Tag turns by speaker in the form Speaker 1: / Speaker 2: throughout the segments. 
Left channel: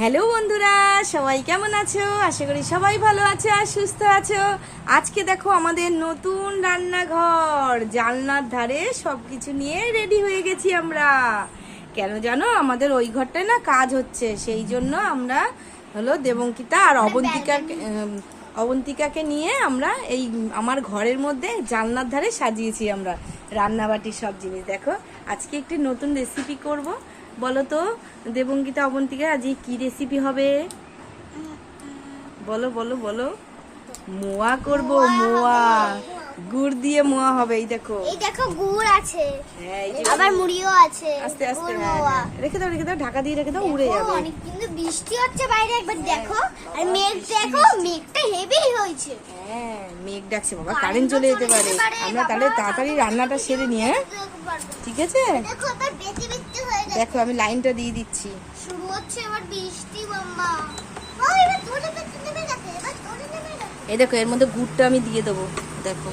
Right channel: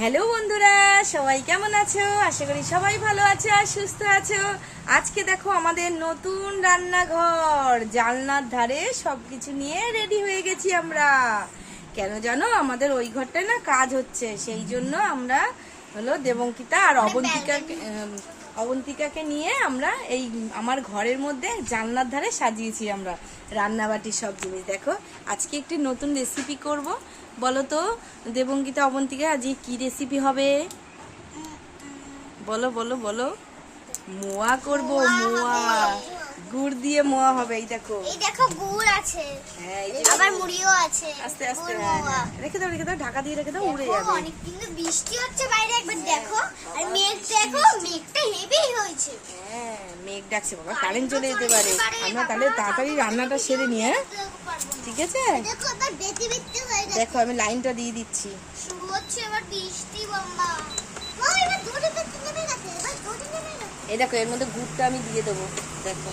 Speaker 1: Hello বন্ধুরা সবাই কেমন আছো? আশা করি সবাই ভালো আছো আর সুস্থ আছো। আজকে দেখো আমাদের নতুন রান্নাঘর জানলার ধারে সবকিছু নিয়ে রেডি হয়ে গেছি আমরা। কেন জানো? আমাদের ওই ঘরটায় না কাজ হচ্ছে সেই জন্য আমরা হলো দেবঙ্কিতা আর অবন্তিকা অবন্তিকাকে নিয়ে আমরা এই আমার ঘরের মধ্যে জানলার ধারে সাজিয়েছি আমরা রান্নাবাটির সব জিনিস। দেখো আজকে একটি নতুন রেসিপি করব। বলো তো দেবঙ্গিতা অবন্তিকা আজকে কি রেসিপি হবে? বলো বলো বলো। মোয়া করব মোয়া দিয়ে মোয়া হবে এই দেখো।
Speaker 2: এই দেখো গুড় আছে।
Speaker 1: হ্যাঁ এই যে
Speaker 2: আবার মুড়িও আছে।
Speaker 1: আস্তে আস্তে হ্যাঁ, হ্যাঁ। রেখে দাও রেখে দাও ঢাকা দিয়ে রেখে দাও উড়ে যাবে।
Speaker 2: অনেক কিন্তু বৃষ্টি হচ্ছে বাইরে একবার দেখো। আর মেঘ দেখো মেঘটা হেভি হয়েছে।
Speaker 1: হ্যাঁ মেঘ ডাকছে বাবা কারেন্ট চলে যেতে পারে। আমরা তাহলে তাড়াতাড়ি রান্নাটা সেরে নিয়ে? ঠিক আছে?
Speaker 2: দেখো হয়ে
Speaker 1: আমি লাইনটা দিয়ে দিচ্ছি।
Speaker 2: শুরু হচ্ছে এবার বৃষ্টি গেছে
Speaker 1: এই দেখো এর মধ্যে গুড়টা আমি দিয়ে দেবো। দেখো।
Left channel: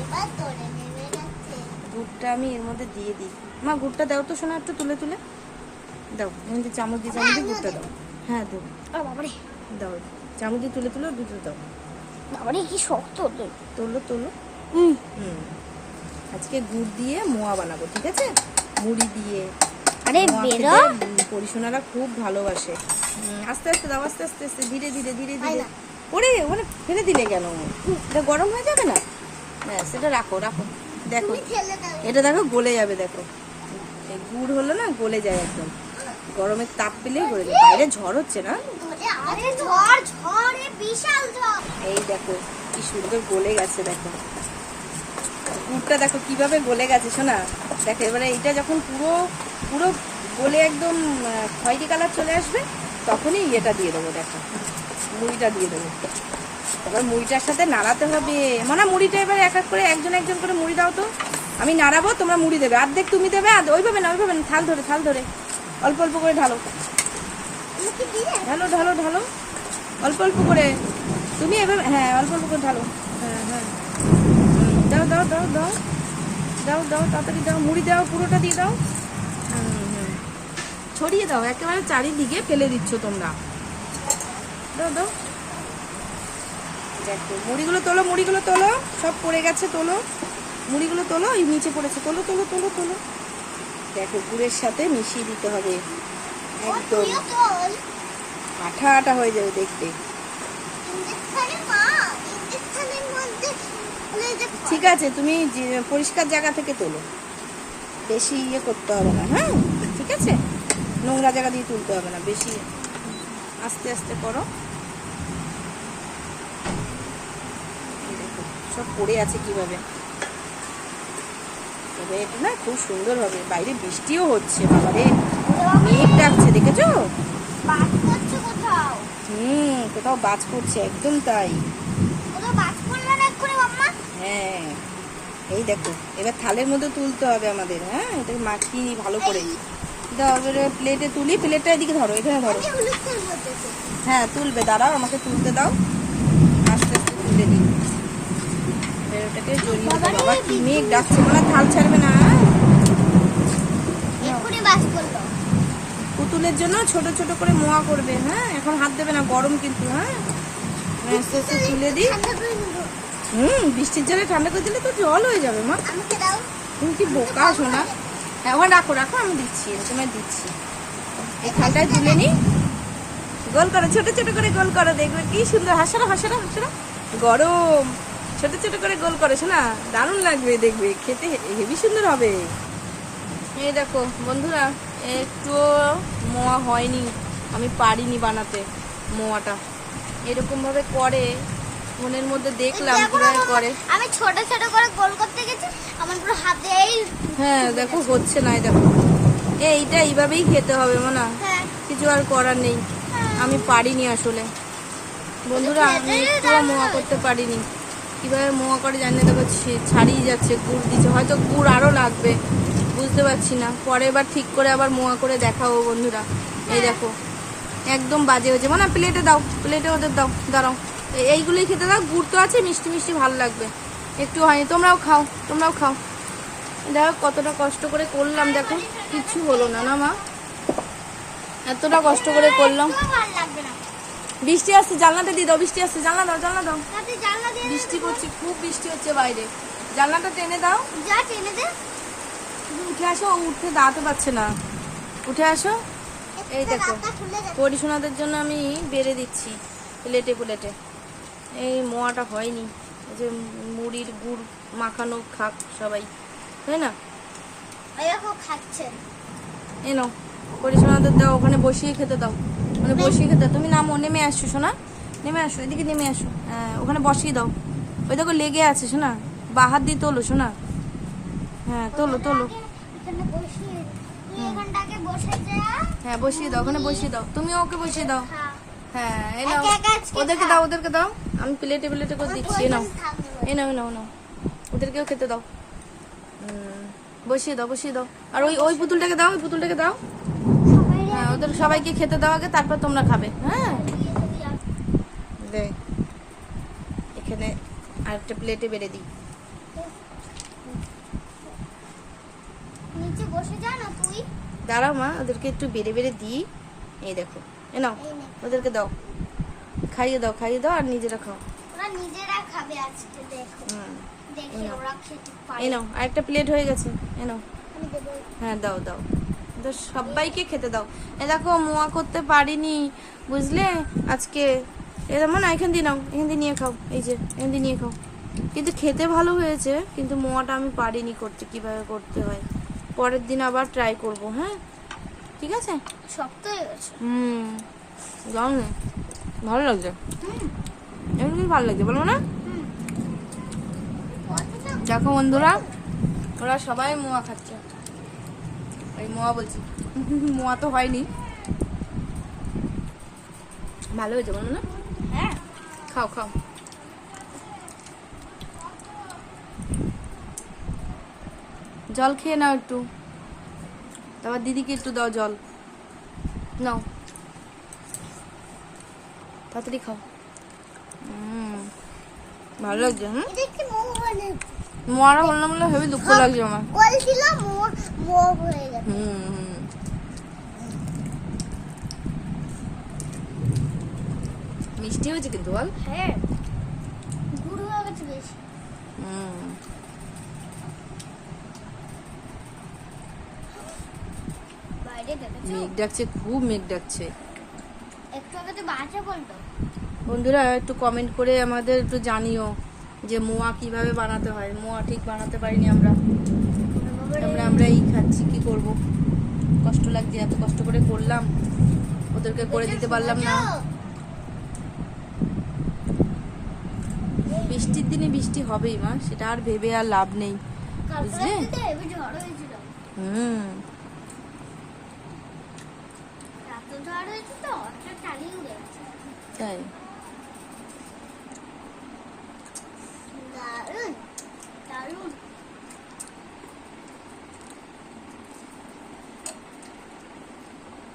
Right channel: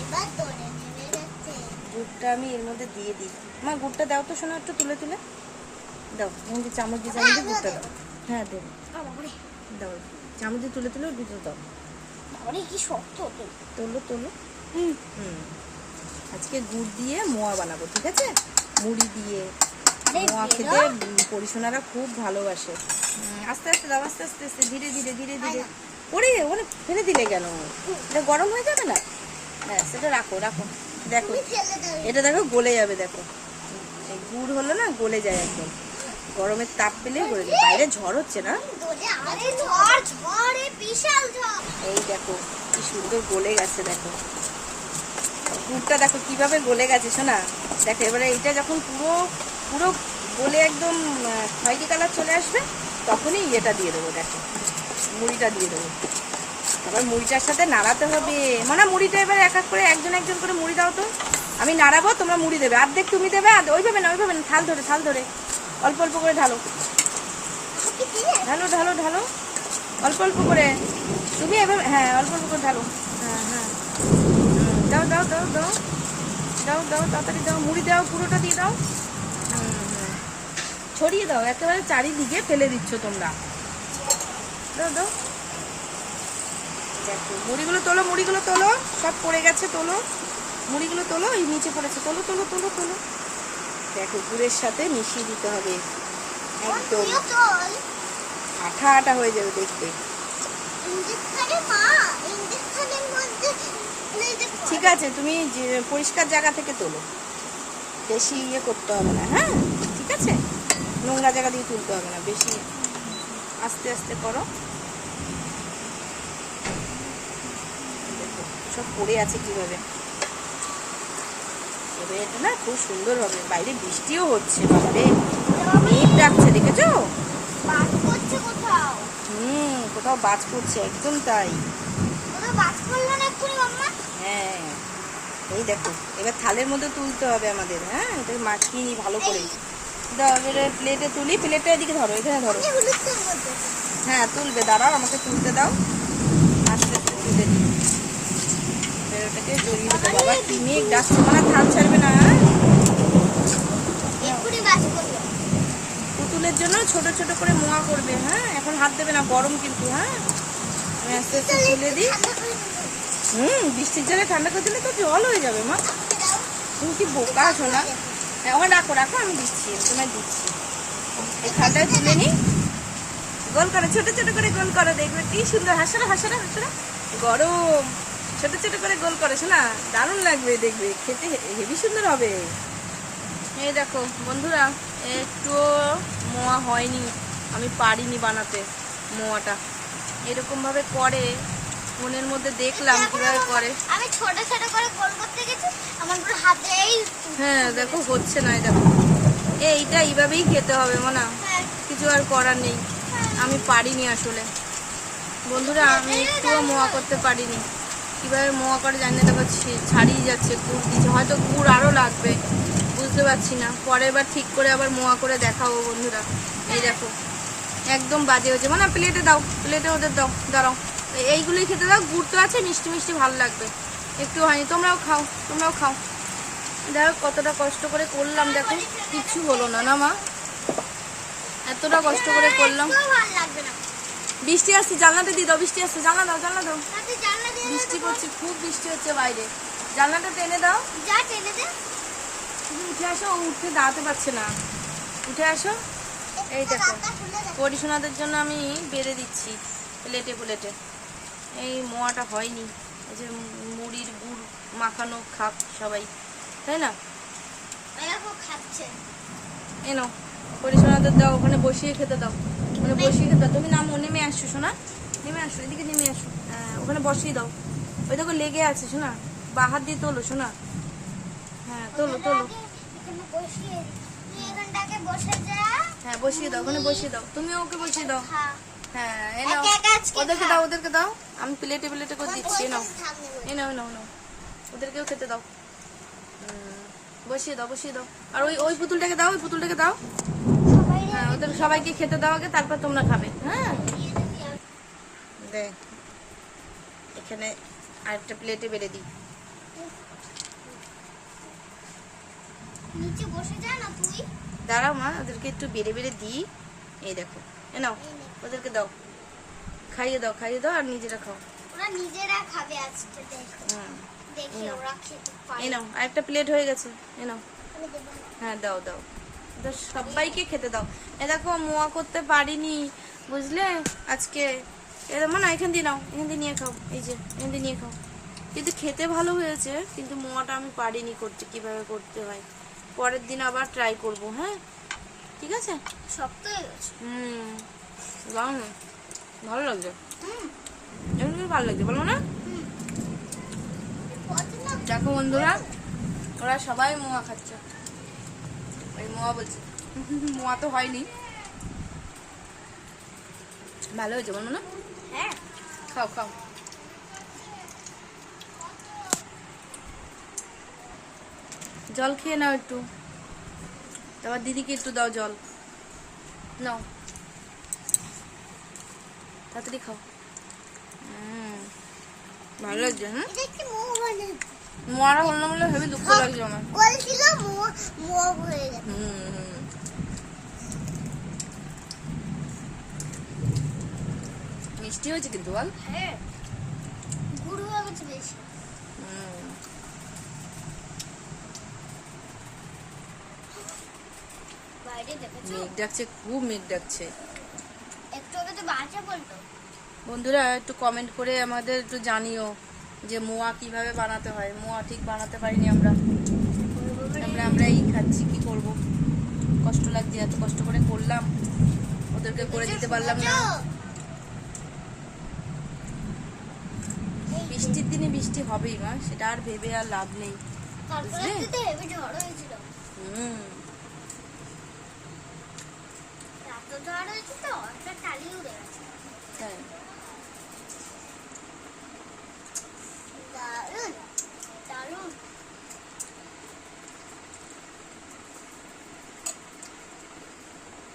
Speaker 1: গুড়টা আমি এর মধ্যে দিয়ে দিই মা গুড়টা দাও তো শোনা একটু তুলে তুলে। দাও মধ্যে চামচ দিয়ে চামচ দিয়ে গুড়টা দাও। হ্যাঁ দেবো দাও চামচ দিয়ে তুলে তুলে ওর ভিতরে দাও।
Speaker 2: বাবারে কি শক্ত তো।
Speaker 1: তোলো তোলো।
Speaker 2: হুম।
Speaker 1: হুম। আজকে গুড় দিয়ে মোয়া বানাবো ঠিক আছে? মুড়ি দিয়ে।
Speaker 2: আরে
Speaker 1: পরিশোনারা খুব ভালোবাসে। আস্তে আস্তে দাও আস্তে আস্তে আস্তে ধীরে ধীরে ধীরে ধীরে। ওরে ওখানে ফেলে দিলে কেন? এটা গরম হয়ে যাবে না? ব্যাস এটা রাখো রাখো। দেখো এটা দেখো গলে যাবে দেখো। গুড় হলো না গলে যায় একদম। গরমের তাপ পেলেই গলে যায়। বাইরে ঝড় হচ্ছে না? এই দেখো কি সুন্দর গলে গেছে দেখো। গুড়টা দেখো কীভাবে গলে গেছে শোনা? দেখো এবারে এটা যখন পুরো পুরো গলে একদম খয়েরি কালার চলে আসবে তখনই ইয়েটা দিয়ে দেবো দেখো। মুড়িটা দিয়ে দেবো। তারপর মুড়িটার সাথে নাড়াতে হবে। মানে মুড়িটা এবার এক এক করে একজন একজন করে মুড়ি দাও তো। আমি নাড়াবো, তোমরা মুড়ি দেবে। অর্ধেক তুমি দেবে, আর ওইভাবে না ওইভাবে না থাল ধরে থাল ধরে। অল্প অল্প করে ঢালো। ঢালো ঢালো ঢালো। অল্প অল্প করে। তুমি এভাবে হ্যাঁ অল্প অল্প করে ঢালো। হ্যাঁ হ্যাঁ। দাও দাও দাও দাও। দাও দাও, তাড়াতাড়ি দাও। মুড়ি দাও, পুরোটা দিয়ে দাও। ছড়িয়ে দাও, একেবারে চারিদিকে ফেলে দিচ্ছ তোমরা। দাও দাও। দেখো, মুড়িগুলো তোলো মুড়িগুলো তোলো, সব পড়ে গেছে তোলো। মুড়িগুলো তোলো, এই নিচে পড়েছে, তোলো তোলো তোলো তোলো। দেখো, গুড়ের সাথে মিশিয়ে দিতে হবে। একদম। আঠা আঠা হয়ে যাবে দেখতে। ঠিক আছে, তুমি পরিষ্কার জায়গা থেকে তোলো। বেশি ইয়ে করতে হবে না হ্যাঁ? ঠিক আছে? নোংরা জায়গা দিয়ে তুলতে হবে না, বেশি আস্তে আস্তে করো এই দেখো সব পড়ে আছে কীভাবে? এবার এটা না খুব সুন্দর হবে। বাইরে বৃষ্টিও হচ্ছে বাবারে। মেঘ ডাকছে দেখেছ? হুম কোথাও বাজ পড়ছে একদম তাই। হ্যাঁ এই দেখো এবার থালের মধ্যে তুলতে হবে আমাদের হ্যাঁ? এটা মাখিয়ে নিই ভালো করে। দাও এবারে প্লেটে তুলি প্লেটটা এদিকে ধরো এখানে ধরো। হ্যাঁ তুলবে দাঁড়াও আমাকে তুলতে দাও আস্তে আস্তে তুলে দিই এবার ওটাকে জড়িয়ে দেবো। বাবা কি মেঘ ডাকছে মানে থাল ছাড়বে না হ্যাঁ? পুতুলের জন্য ছোট ছোট করে মোয়া করবে হ্যাঁ? এখন হাত দেবে না গরম কিন্তু হ্যাঁ? আমি আস্তে আস্তে তুলে দিই।
Speaker 2: আচ্ছা,
Speaker 1: হুম বৃষ্টির জলে ঠান্ডা করে দিলে তো জল হয়ে যাবে মা। তুমি কি বোকা আছো না? হ্যাঁ ওখানে রাখো রাখো আমি দিচ্ছি তোমায় দিচ্ছি। এই থালটায় তুলে নি। গোল করো ছোট ছোট করে গোল করো দেখবে কি সুন্দর হাসরা হাসরা হাসরা। গরম। ছোট ছোট করে গোল করে না? দারুণ লাগবে দেখবে খেতে হেভি সুন্দর হবে। এই দেখো বন্ধুরা একটু মোয়া হয়নি। আমি পারিনি বানাতে মোয়াটা। এরকম ভাবে করে মনের মধ্যে দেখলাম কীভাবে করে।
Speaker 2: আমি ছোট ছোট করে গোল করতে গেছি আমার পুরো হাতেই
Speaker 1: হ্যাঁ দেখো হচ্ছে না দেখো এইটা এইভাবেই খেতে হবে মনা।
Speaker 2: হ্যাঁ।
Speaker 1: কিছু আর করার নেই। আমি পারিনি আসলে। বন্ধুরা আমি একটুও মোয়া করতে পারিনি। কীভাবে মোয়া করে জানি না দেখো ছাড়িয়ে যাচ্ছে গুড় দিচ্ছে। হয়তো গুড় আরও লাগবে বুঝতে পারছি না। পরের বার ঠিক করে আবার মোয়া করে দেখাবো বন্ধুরা। এই দেখো একদম বাজে হয়েছে। মানে প্লেটে দাও প্লেটে ওদের দাও দাঁড়াও। এই- এইগুলোই খেতে দাও গুড় তো আছে মিষ্টি মিষ্টি ভালো লাগবে। একটু হয়নি তোমরাও খাও তোমরাও খাও। দেখো কতটা কষ্ট করে করলাম দেখো কিছু হলো না না মা? এতটা কষ্ট করে করলাম। বৃষ্টি আসছে জানলাটা দিয়ে দাও বৃষ্টি আসছে জানলা দাও জানলা দাও।
Speaker 2: দিয়ে
Speaker 1: বৃষ্টি পড়ছে খুব বৃষ্টি হচ্ছে বাইরে। জানলাটা টেনে দাও।
Speaker 2: যা টেনে দে।
Speaker 1: তুমি উঠে আসো উঠতে দাঁড়াতে পারছে না। উঠে আসো। এই দেখো পরিশোনাদের জন্য আমি বেড়ে দিচ্ছি প্লেটে প্লেটে। এই মোয়াটা হয়নি। এই যে মুড়ির গুড় মাখানো খাক সবাই তাই না?
Speaker 2: খাচ্ছে।
Speaker 1: এনো পরিশোনাদের দাও ওখানে বসিয়ে খেতে দাও। মানে বসিয়ে খেতে দাও। তুমি নামো নেমে আসছো শোনা? নেমে আসো এদিকে নেমে আসো। হ্যাঁ ওখানে বসিয়ে দাও। ওই দেখো লেগে আছে শোনা? বাহার দিয়ে তোলো শোনা? হ্যাঁ তোলো তোলো। হ্যাঁ বসিয়ে দাও ওখানে বসিয়ে দাও। তুমি ওকে বসিয়ে দাও। হ্যাঁ। নাও
Speaker 2: একা একা আজকে
Speaker 1: ওদেরকে দাও ওদেরকে দাও। আমি প্লেটে প্লেটে করে দিচ্ছি এ নাও।
Speaker 2: থাকবে।
Speaker 1: নাও নাও নাও। ওদেরকেও খেতে দাও। বসিয়ে দাও বসিয়ে দাও। আর ওই ওই পুতুলটাকে দাও ওই পুতুলটাকে দাও। হ্যাঁ ওদের সবাইকে খেতে দাও আগে তারপর তোমরা খাবে। হ্যাঁ। দে। এখানে আরেকটা প্লেটে বেড়ে দিই।
Speaker 2: নিচে বসে যা না তুই।
Speaker 1: দাঁড়াও মা ওদেরকে একটু বেড়ে বেড়ে দিই। এই দেখো এ নাও ওদেরকে দাও। খাইয়ে দাও খাইয়ে দাও আর নিজেরা খাও।
Speaker 2: ওরা নিজেরা খাবে আজকে দেখো। দেখি। ওরা খেতে পারে।
Speaker 1: এই নাও আরেকটা প্লেট হয়ে গেছে এ নাও। হ্যাঁ দাও দাও। সবাইকে খেতে দাও। এ দেখো মোয়া করতে পারিনি বুঝলে? আজকে এরকম না এখান দিয়ে নাও এখান দিয়ে নিয়ে খাও এই যে এখান দিয়ে নিয়ে খাও। কিন্তু খেতে ভালো হয়েছে কিন্তু মোয়াটা আমি পারিনি করতে কীভাবে করতে হয়। পরের দিন আবার ট্রাই করব হ্যাঁ? ঠিক আছে?
Speaker 2: শক্ত হয়ে গেছে।
Speaker 1: হুম দাও না ভালো লাগছে?
Speaker 2: হুম।
Speaker 1: এমনি ভালো লাগছে বলো না? দেখো বন্ধুরা ওরা সবাই মোয়া খাচ্ছে। ওই মোয়া বলছি মোয়া তো হয়নি। ভালো হয়েছে বলো না? খাও খাও। জল খেয়ে নাও একটু। তারপর দিদিকে একটু দাও জল। নাও। তাড়াতাড়ি খাও। হুম ভালো লাগছে
Speaker 2: মানে
Speaker 1: মোয়ারা বললাম বলে হেবি দুঃখ লাগছে আমার।
Speaker 2: হয়ে
Speaker 1: হুম। মিষ্টি হয়েছে কিন্তু বল
Speaker 2: হ্যাঁ গুড় হয়ে গেছে বেশি
Speaker 1: হুম। মেঘ ডাকছে খুব মেঘ ডাকছে
Speaker 2: একটু আগে তো বাজে বলতো
Speaker 1: বন্ধুরা একটু কমেন্ট করে আমাদের একটু জানিও যে মোয়া কীভাবে বানাতে হয়। মোয়া ঠিক বানাতে পারিনি আমরা। আমরা আমরা এই খাচ্ছি কি করব? কষ্ট লাগছে এত কষ্ট করে করলাম। ওদেরকে করে দিতে পারলাম না। বৃষ্টির দিনে বৃষ্টি হবেই মা সেটা আর ভেবে আর লাভ নেই বুঝলে? হুম। তাই।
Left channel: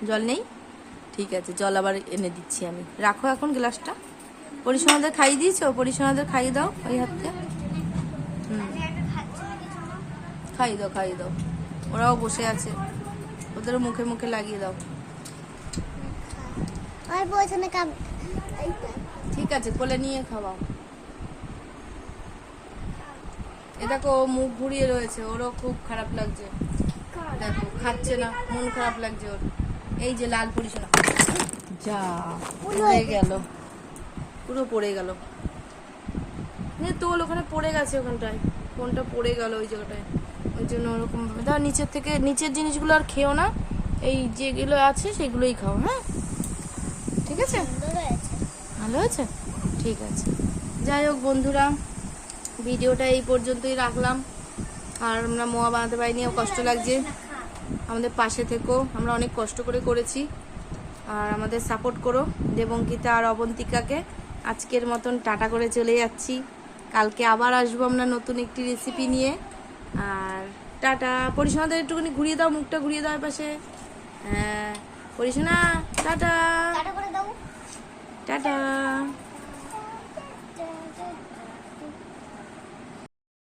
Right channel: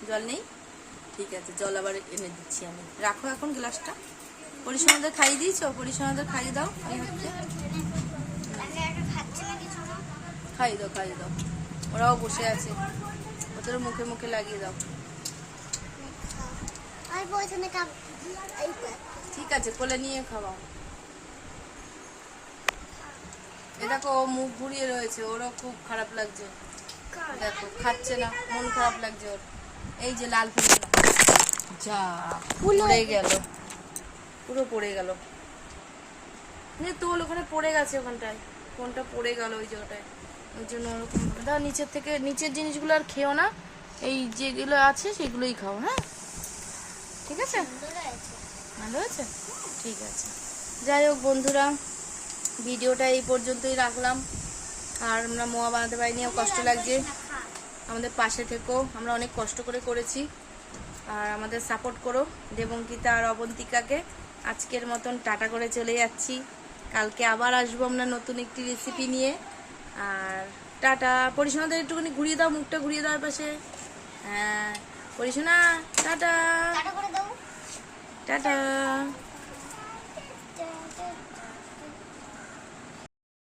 Speaker 1: জল নেই? ঠিক আছে জল আবার এনে দিচ্ছি আমি। রাখো এখন গ্লাসটা। পরিসমাদের খাইয়ে দিয়েছ? পরিসমাদের খাইয়ে দাও এই হাতে। খাইয়ে দাও খাইয়ে দাও। ওরাও বসে আছে। ওদের মুখে মুখে লাগিয়ে দাও। ঠিক আছে কোলে নিয়ে খাওয়াও। এ দেখো ও মুখ ঘুরিয়ে রয়েছে। ওরও খুব খারাপ লাগছে। দেখো খাচ্ছে না। মন খারাপ লাগছে ওর। এই যে লাল ফুল যা পড়ে গেল। পুরো পড়ে গেল। নে তোল, ওখানে পড়ে গেছে ওখানটায়। ফোনটা পড়ে গেল ওই জায়গাটায়। ওই জন্য ওরকম দাও নিচের থেকে, নিচের জিনিসগুলো আর খেও না। এই যেগুলো আছে সেগুলোই খাও হ্যাঁ? ঠিক আছে? ভালো হয়েছে? ঠিক আছে। যাই হোক বন্ধুরা, ভিডিওটা এই পর্যন্তই রাখলাম। আর আমরা মোয়া বানাতে পারিনি কষ্ট লাগছে। আমাদের পাশে থেকো, আমরা অনেক কষ্ট করে করেছি। আর আমাদের সাপোর্ট করো, দেবঙ্কিতা আর অবন্তিকাকে। আজকের মতন টাটা করে চলে যাচ্ছি। কালকে আবার আসব আমরা নতুন একটি রেসিপি নিয়ে। আর টাটা। পরিসোনাদের একটুখানি ঘুরিয়ে দাও মুখটা ঘুরিয়ে দাও পাশে হ্যাঁ পরিসোনা টাটা।
Speaker 2: Tata
Speaker 1: tata.